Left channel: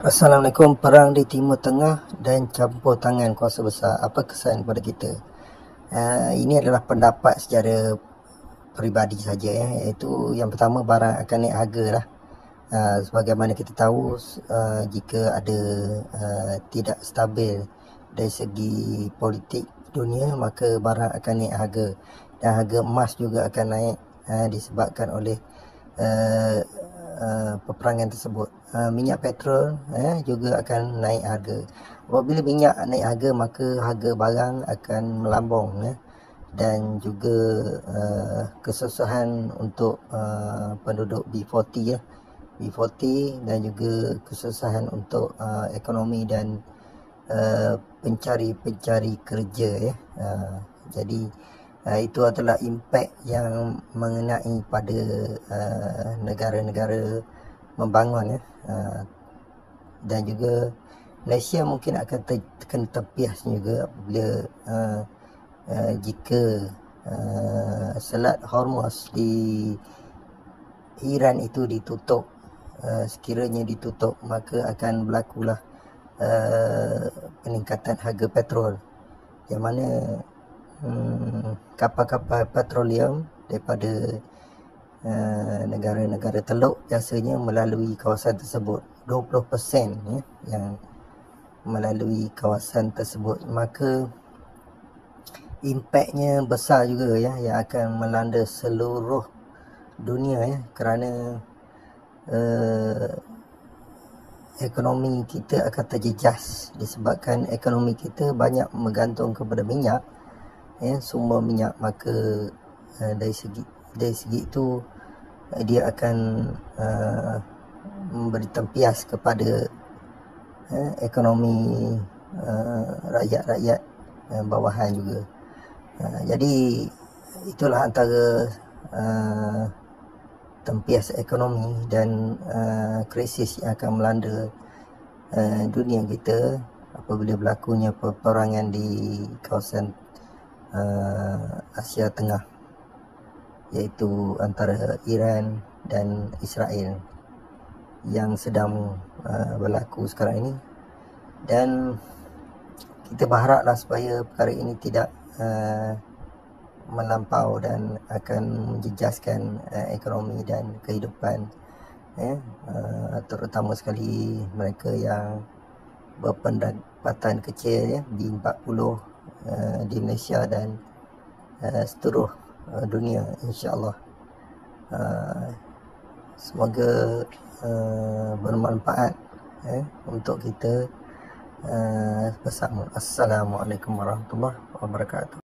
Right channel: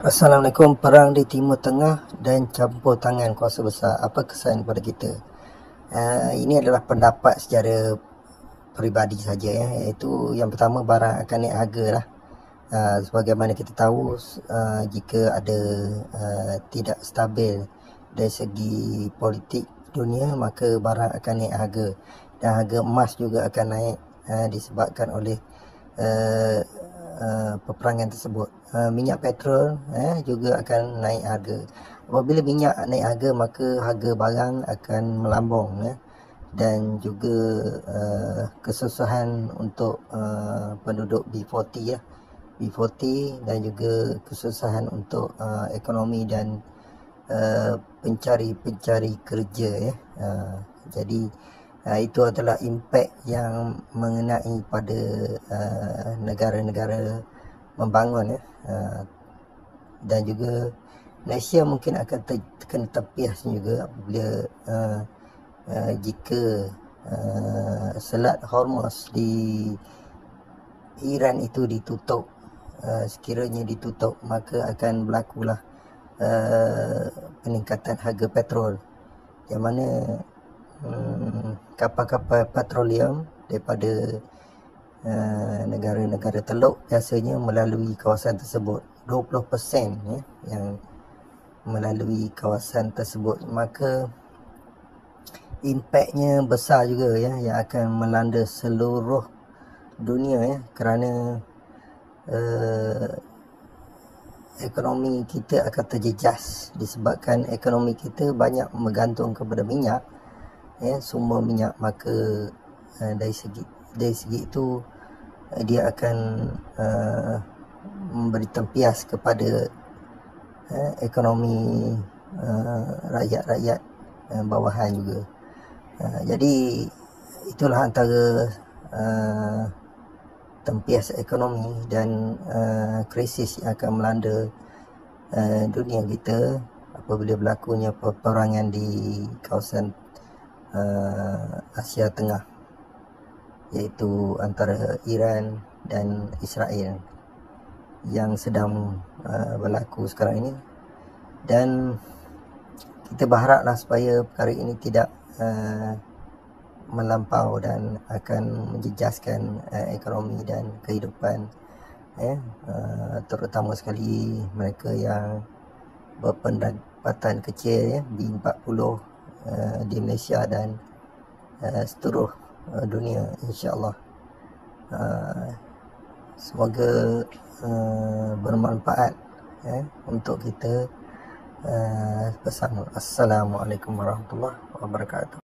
Assalamualaikum. Perang di Timur Tengah dan campur tangan kuasa besar, apa kesan pada kita? Ini adalah pendapat secara peribadi saja, iaitu yang pertama, barang akan naik harga lah. Sebagaimana kita tahu, jika ada tidak stabil dari segi politik dunia, maka barang akan naik harga, dan harga emas juga akan naik disebabkan oleh peperangan tersebut. Minyak petrol juga akan naik harga. Apabila minyak naik harga, maka harga barang akan melambung, dan juga kesusahan untuk penduduk B40 dan juga kesusahan untuk ekonomi dan pencari kerja. Jadi itu adalah impak yang mengenai pada negara-negara membangun, dan juga Malaysia mungkin akan terkena tepias juga apabila jika Selat Hormuz di Iran itu ditutup. Sekiranya ditutup, maka akan berlakulah peningkatan harga petrol, yang mana kapal-kapal petroleum daripada negara-negara Teluk biasanya melalui kawasan tersebut. 20% yang melalui kawasan tersebut, maka impaknya besar juga, yang akan melanda seluruh dunia, kerana ekonomi kita akan terjejas disebabkan ekonomi kita banyak bergantung kepada minyak, sumber minyak. Maka dari segi itu dia akan memberi tempias kepada ekonomi rakyat-rakyat bawahan juga. Jadi itulah antara tempias ekonomi dan krisis yang akan melanda dunia kita apabila berlakunya peperangan di kawasan Asia Tengah, iaitu antara Iran dan Israel yang sedang berlaku sekarang ini. Dan kita berharaplah supaya perkara ini tidak melampau dan akan menjejaskan ekonomi dan kehidupan, terutama sekali mereka yang berpendapatan kecil, B40 di Malaysia dan seluruh dunia, insya-Allah. Semoga bermanfaat untuk kita bersama. Assalamualaikum warahmatullahi wabarakatuh.